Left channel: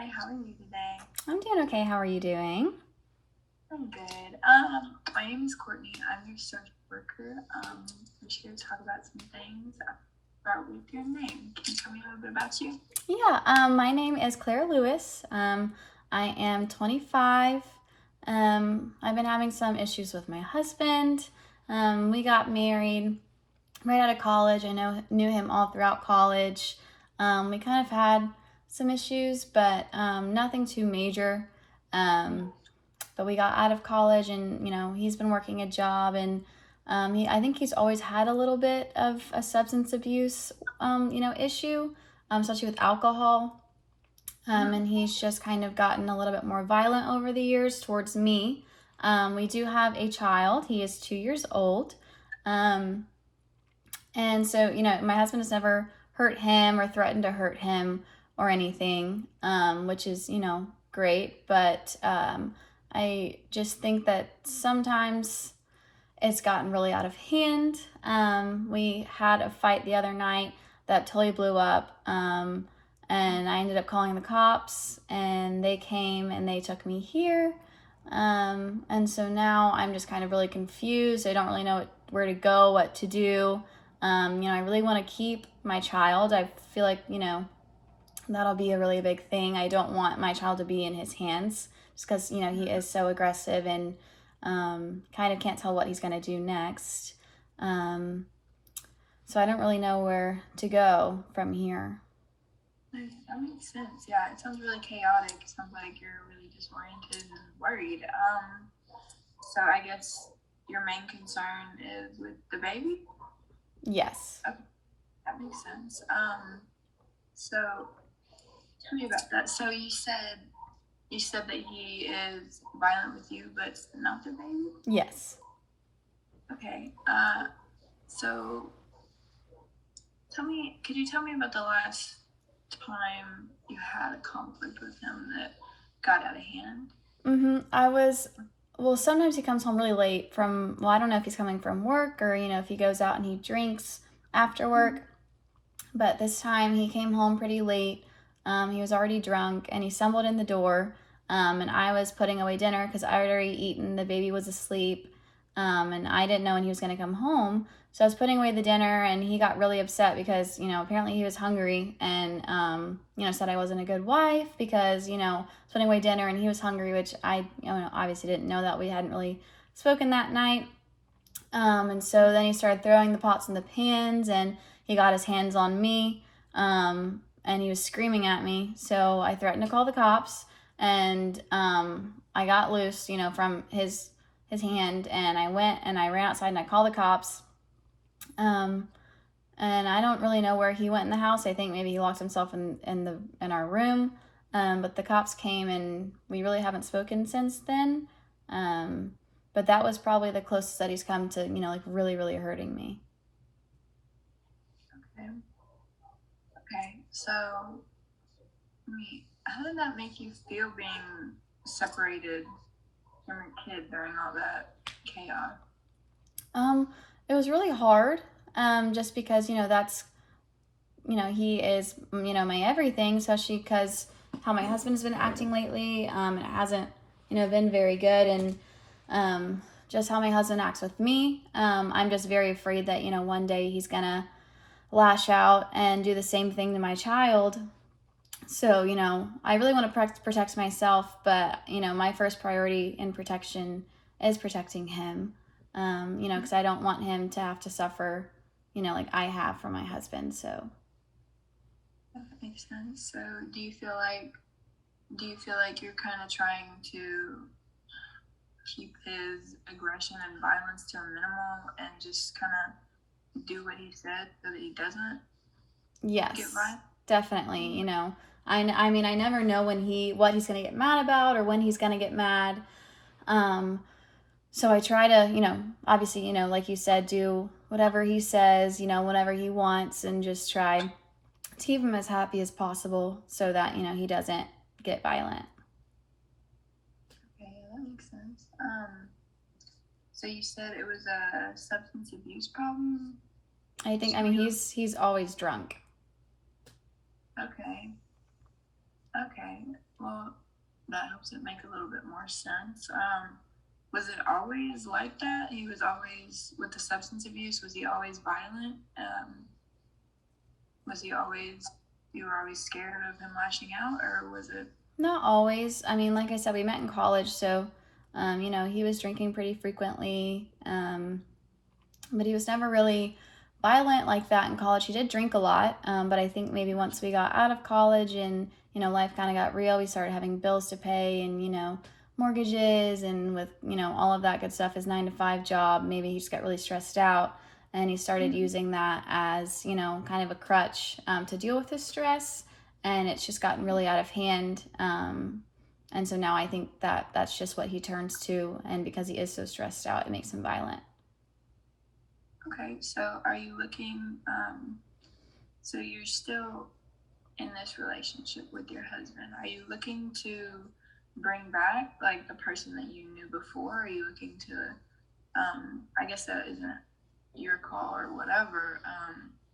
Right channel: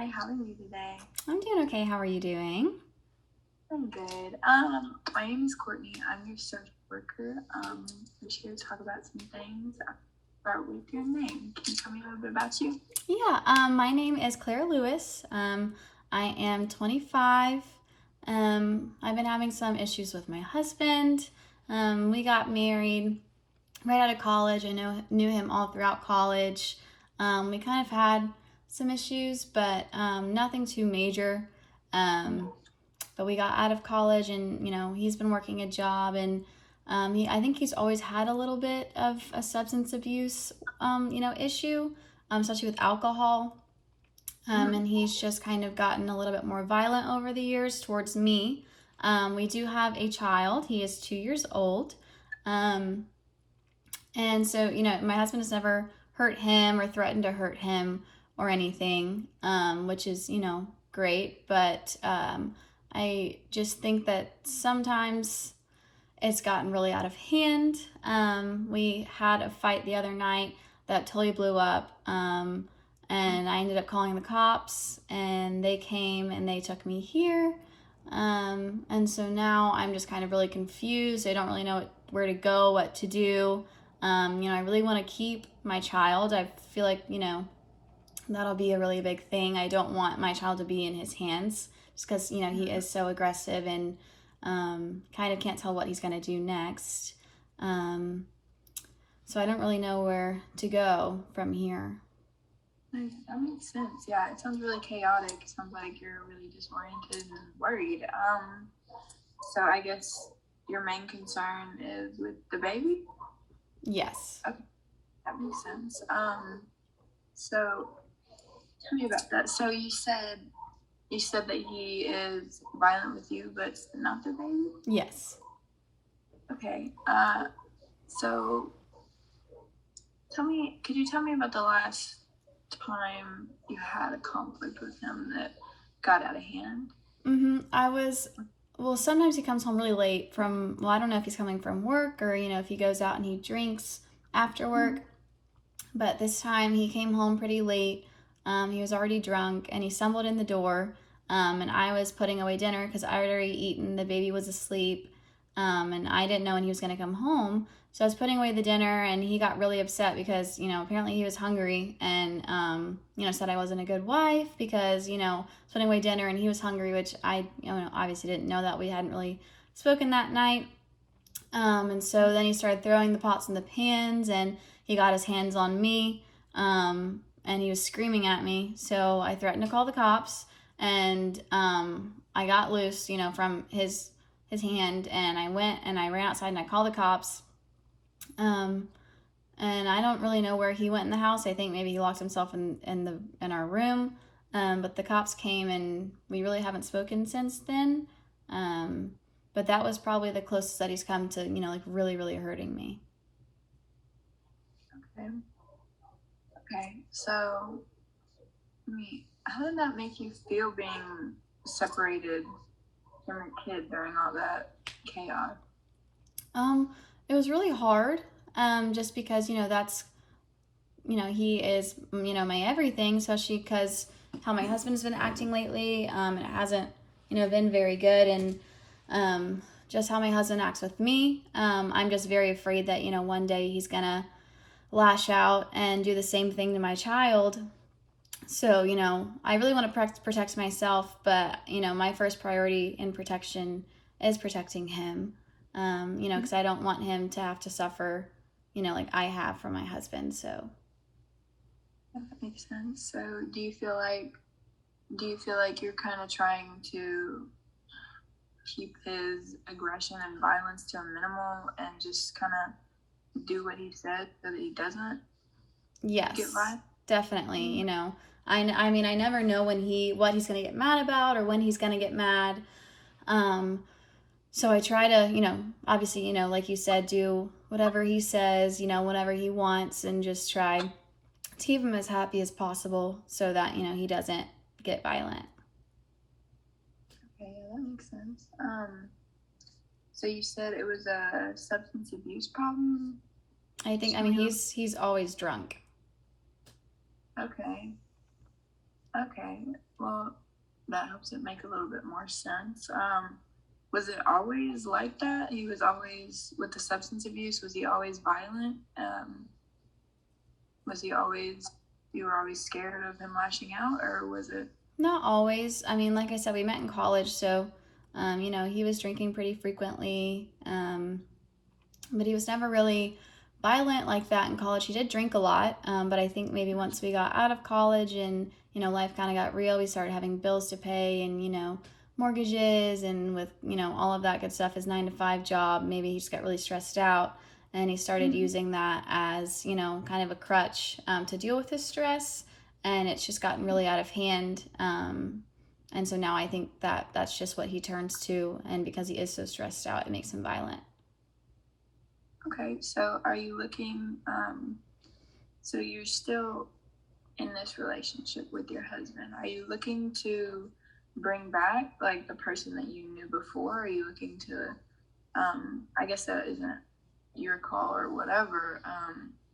Hi, how are you today? I'm doing okay. How are you doing? I'm good. My name is Courtney. I'm your social worker. I'm here to talk about some things. I'll start with your name. Can you tell me a little bit about you? Yeah, my name is Claire Lewis. I am 25. I've been having some issues with my husband. We got married right out of college. I knew him all throughout college. We kind of had some issues, but nothing too major. But we got out of college, and he's been working a job, and I think he's always had a little bit of a substance abuse issue, especially with alcohol. And he's just kind of gotten a little bit more violent over the years towards me. We do have a child. He is 2 years old. Um, and so, my husband has never hurt him or threatened to hurt him or anything, which is, great. But I just think that sometimes it's gotten really out of hand. We had a fight the other night that totally blew up. And I ended up calling the cops, and they came and they took me here. And so now I'm just kind of really confused. I don't really know where to go, what to do. I really want to keep my child. I feel like, that'll be a really big thing. I don't want my child to be in his hands just because, he is so aggressive and kind of can't tell what he's going to do next. So I don't really know where to go from here. That makes sense. Yeah, it sounds really chaotic. It sounds like you're really disoriented and worried. So I guess your main concern is with the baby? Yes. Okay, that makes sense. So tell me about that. So you said that he is violent with you, but not the baby? Yes. Okay. So could you tell me about the last time you had a conflict with him that got out of hand? Well, sometimes he comes home really late I don't know if he's coming from work or, if he goes out and he drinks after work. But this time he came home pretty late. He was already drunk and he stumbled in the door. And I was putting away dinner because I had already eaten. The baby was asleep. And I didn't know when he was going to come home. So I was putting away the dinner, and he got really upset because, apparently he was hungry and, said I wasn't a good wife because, putting away dinner and he was hungry, which I, obviously didn't know that. We hadn't really spoken that night. And so then he started throwing the pots and the pans, and he got his hands on me, and he was screaming at me. So I threatened to call the cops, and I got loose, from his hand, and I went and I ran outside and I called the cops. And I don't really know where he went in the house. I think maybe he locked himself in our room. But the cops came, and we really haven't spoken since then. But that was probably the closest that he's come to, really, really hurting me. Okay. Okay. So, how did that make you feel being separated from your kid during all that chaos? It was really hard, just because, that's, he is, my everything, especially because how my husband's been acting lately. It hasn't, been very good. And just how my husband acts with me. I'm just very afraid that, one day he's going to lash out and do the same thing to my child. So, I really want to protect myself, but, my first priority in protection is protecting him, because I don't want him to have to suffer, like I have for my husband. So That makes sense. So, do you feel like you're kind of trying to keep his aggression and violence to a minimal and just kind of do what he said so that he doesn't get yes, violent? definitely. I mean, I never know what he's going to get mad about or when he's going to get mad. So I try to, obviously, like you said, do whatever he says, whatever he wants, and just try to keep him as happy as possible so that, he doesn't get violent. Okay, yeah, that makes sense. So you said it was a substance abuse problem? I mean, he's always drunk. Okay. Okay. that helps it make a little bit more sense. Was it always like that? He was always with the substance abuse. Was he always violent? Was he always? You were always scared of him lashing out, or was it? Not always. I mean, like I said, we met in college, so he was drinking pretty frequently, but he was never really violent like that in college. He did drink a lot, but I think maybe once we got out of college and life kind of got real, we started having bills to pay and mortgages and with all of that good stuff. His 9 to 5 job, maybe he just got really stressed out, and he started using that as kind of a crutch to deal with his stress, and it's just gotten really out of hand. And so now I think that that's just what he turns to, and because he is so stressed out, it makes him violent. Okay, so are you looking? So you're still in this relationship with your husband. Are you looking to bring back like the person that you knew before? Are you looking to? I guess that isn't your call or whatever.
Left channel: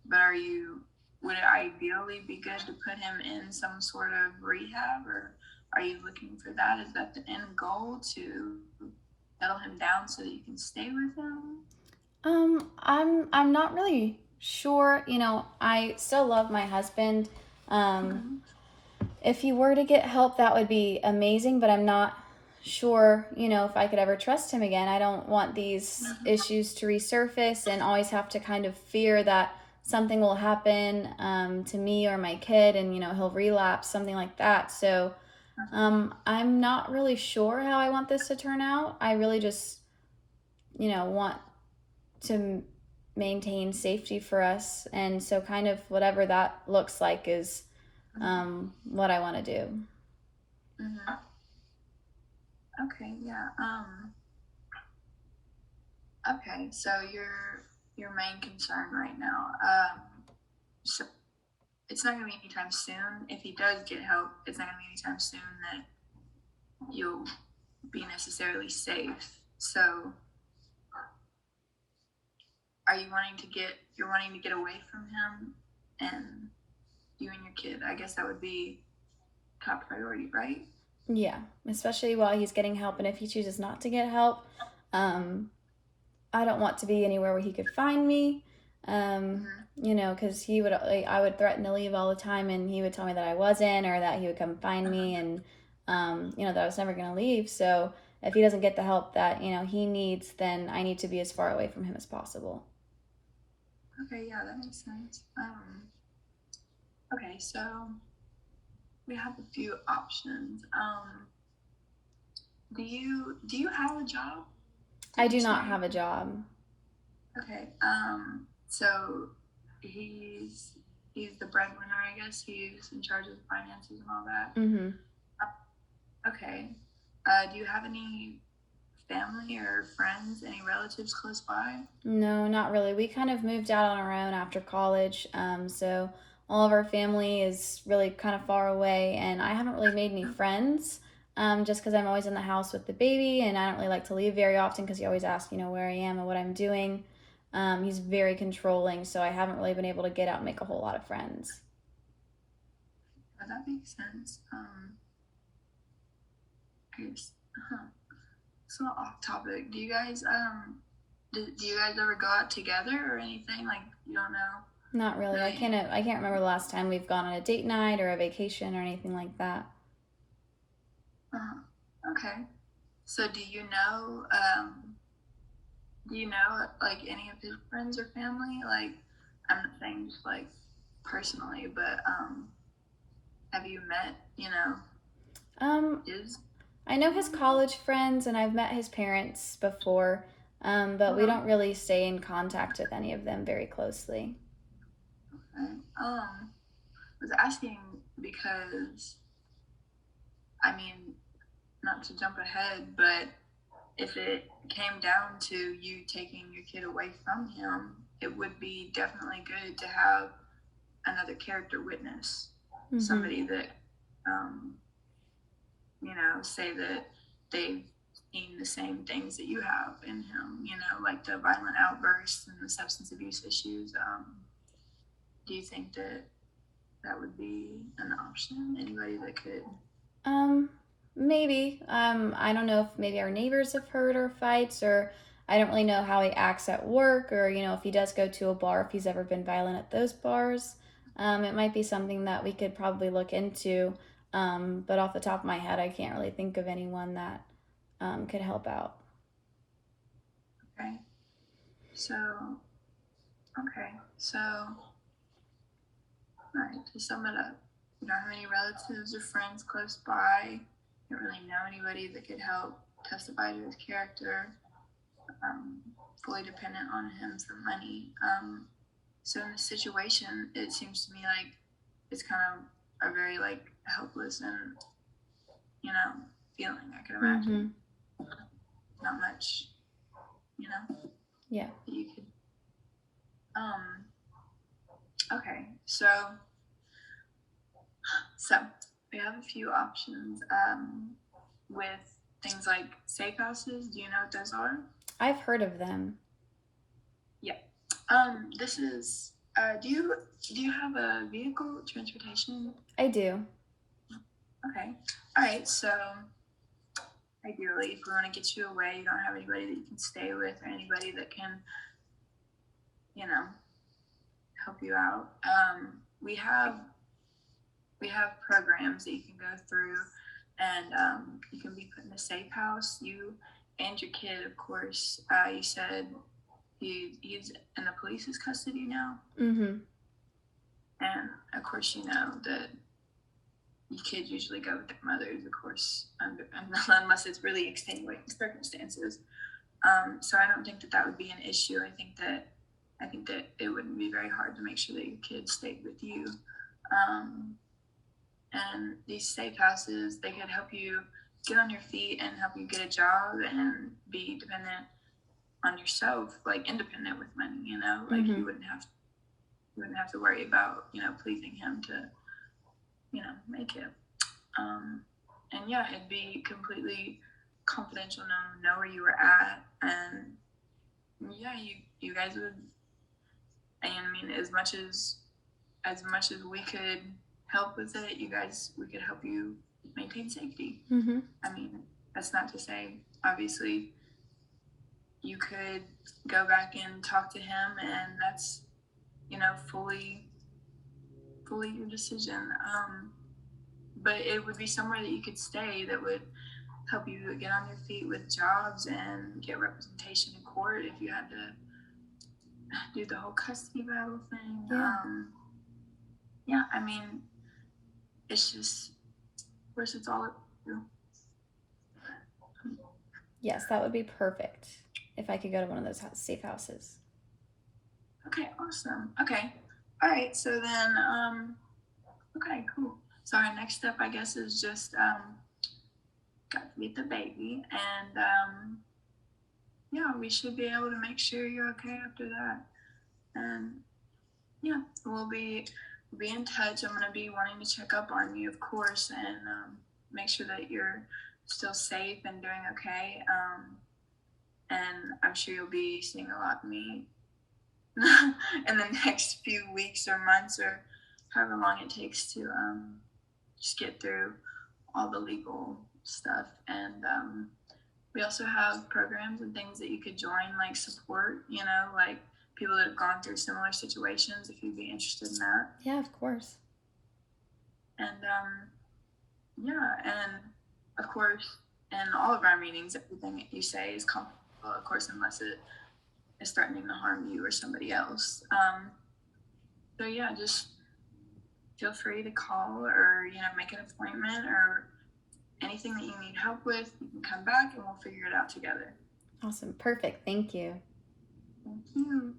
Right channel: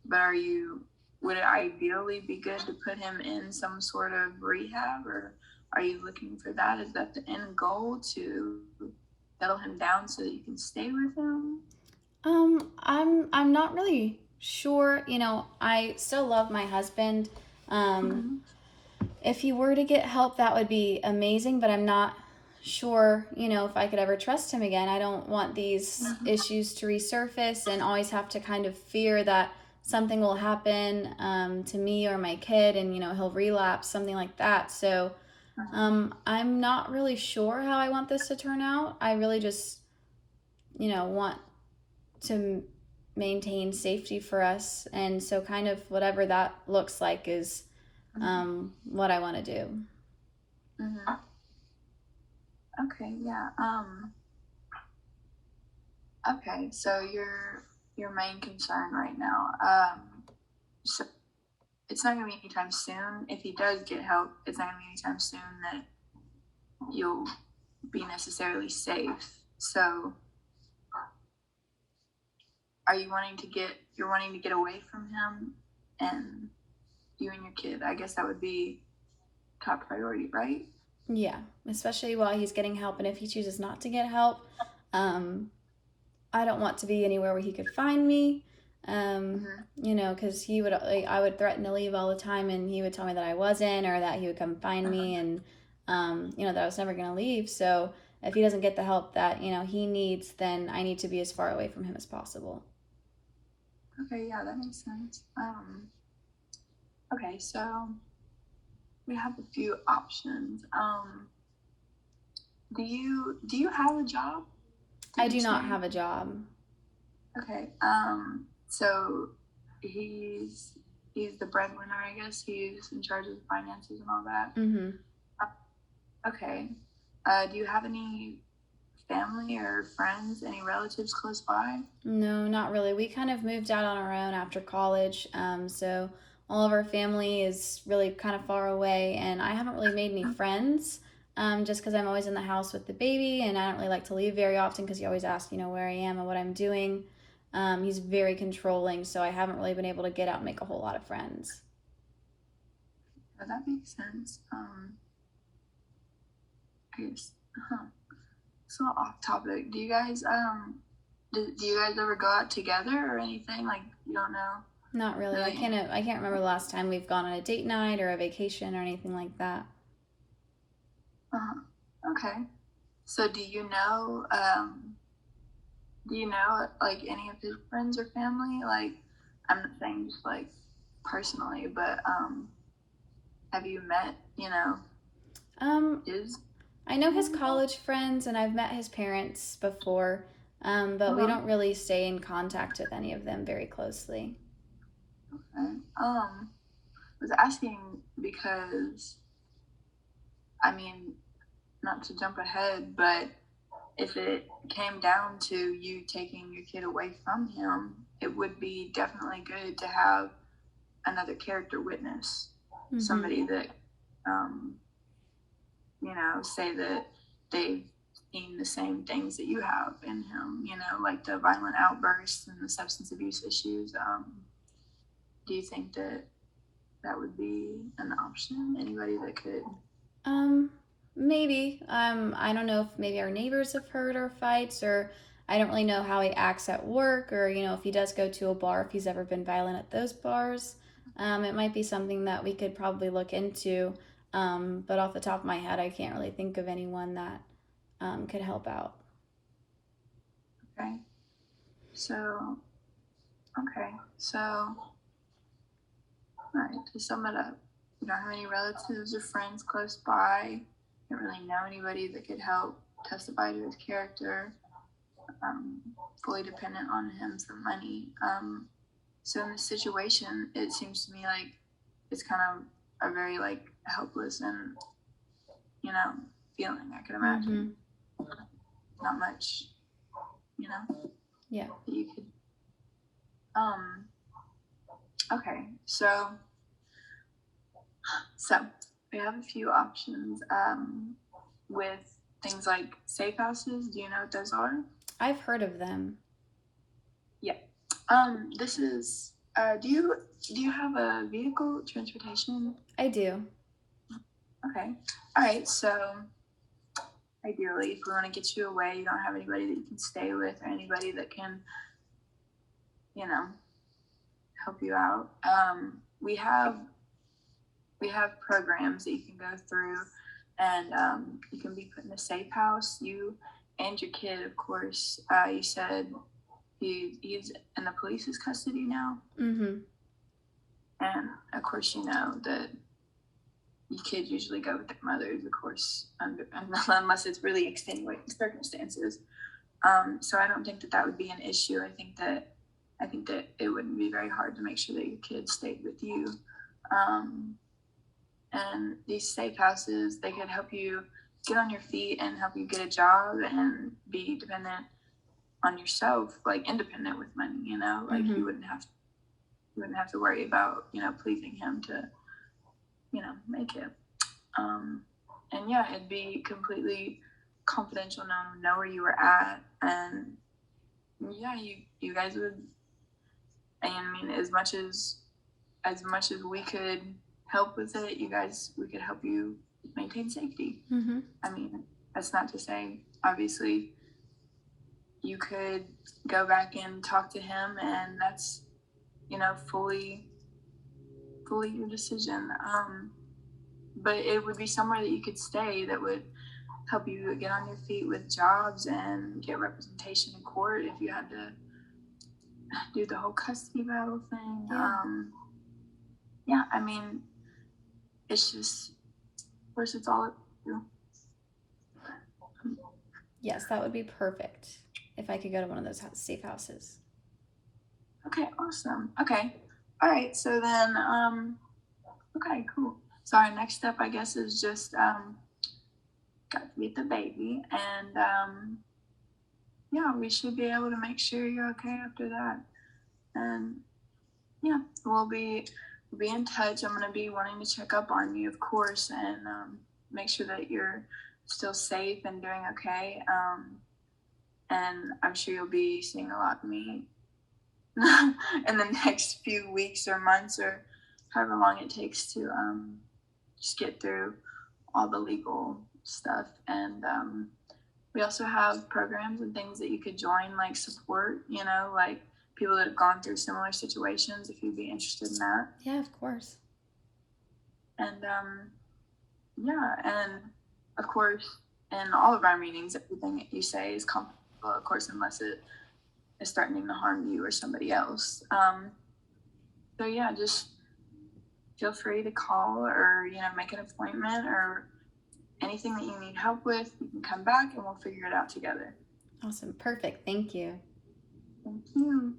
But are you? Would it ideally be good to put him in some sort of rehab, or are you looking for that? Is that the end goal, to settle him down so that you can stay with him? I'm not really sure. I still love my husband. If he were to get help, that would be amazing, but I'm not sure, if I could ever trust him again. I don't want these issues to resurface and always have to kind of fear that something will happen to me or my kid, and he'll relapse, something like that. So I'm not really sure how I want this to turn out. I really just want to maintain safety for us, and so kind of whatever that looks like is what I want to do. Okay, yeah. Okay, so your main concern right now, so it's not gonna be anytime soon. If he does get help, it's not gonna be anytime soon that you'll be necessarily safe. So are you wanting to get away from him and you and your kid? I guess that would be top priority, right? Yeah, especially while he's getting help, and if he chooses not to get help, I don't want to be anywhere where he could find me. Because I would threaten to leave all the time, and he would tell me that I wasn't, or that he would come find me, and that I was never going to leave. So if he doesn't get the help that he needs, then I need to be as far away from him as possible. Okay, yeah, that makes sense. Okay, so we have a few options. Do you have a job? I do not have a job. Okay. So he's the breadwinner, I guess. He's in charge of the finances and all that. Okay. Do you have any family or friends, any relatives close by? No, not really. We kind of moved out on our own after college. So all of our family is really kind of far away, and I haven't really made any friends. Just because I'm always in the house with the baby, and I don't really like to leave very often because he always asks, where I am and what I'm doing. He's very controlling, so I haven't really been able to get out and make a whole lot of friends. That makes sense. So off topic. Do you guys ever go out together or anything? Like, you don't know? Not really. I can't remember the last time we've gone on a date night or a vacation or anything like that. Okay. So do you know like any of his friends or family? Like, I'm not saying just like personally, but have you met his? I know his college friends, and I've met his parents before, but we don't really stay in contact with any of them very closely. Okay. I was asking because, I mean, not to jump ahead, but if it came down to you taking your kid away from him, it would be definitely good to have another character witness, somebody that, say that they've seen the same things that you have in him, like the violent outbursts and the substance abuse issues. Do you think that would be an option? Anybody that could? Maybe. I don't know if maybe our neighbors have heard our fights, or I don't really know how he acts at work, or if he does go to a bar, if he's ever been violent at those bars. It might be something that we could probably look into. But off the top of my head, I can't really think of anyone that could help out. Okay. So, okay. So, all right, to sum it up, you don't have any relatives or friends close by. You don't really know anybody that could help testify to his character. Fully dependent on him for money. So in this situation, it seems to me like it's kind of a very like helpless and feeling. I can imagine not much, Yeah. that you could. Okay, so we have a few options with things like safe houses. Do you know what those are? I've heard of them. Yeah. This is. Do you have a vehicle transportation? I do. Okay. All right. So ideally, if we want to get you away, you don't have anybody that you can stay with or anybody that can, help you out. We have programs that you can go through, and you can be put in a safe house. You and your kid, of course. You said he's in the police's custody now. Mm-hmm. And of course, you know that your kids usually go with their mothers, of course, unless it's really extenuating circumstances. So I don't think that would be an issue. I think that it wouldn't be very hard to make sure that your kids stayed with you. And these safe houses, they could help you get on your feet and help you get a job and be dependent on yourself, like independent with money. Like you wouldn't have to worry about pleasing him to make it. And yeah, it'd be completely confidential, know where you were at, and yeah, you guys would. I mean, as much as we could help with it, we could help you maintain safety. Mm-hmm. I mean, that's not to say, obviously, you could go back and talk to him, and that's fully your decision. But it would be somewhere that you could stay that would help you get on your feet with jobs and get representation in court if you had to do the whole custody battle thing. Yeah, I mean, it's just, of course, it's all up to you. Yes, that would be perfect if I could go to one of those safe houses. Okay, awesome. Okay, all right. So then, okay, cool. So our next step, I guess, is just got to meet the baby, and yeah, we should be able to make sure you're okay after that. And yeah, we'll be in touch. I'm gonna be wanting to check up on you, of course, and make sure that you're still safe and doing okay. And I'm sure you'll be seeing a lot of me in the next few weeks or months or however long it takes to just get through all the legal stuff. And we also have programs and things that you could join, like support, like people that have gone through similar situations, if you'd be interested in that. Yeah, of course. And yeah, and of course, in all of our meetings, everything that you say is confidential, of course, unless it is threatening to harm you or somebody else. So yeah, just feel free to call or make an appointment or anything that you need help with. You can come back and we'll figure it out together. Awesome. Perfect. Thank you. Thank you.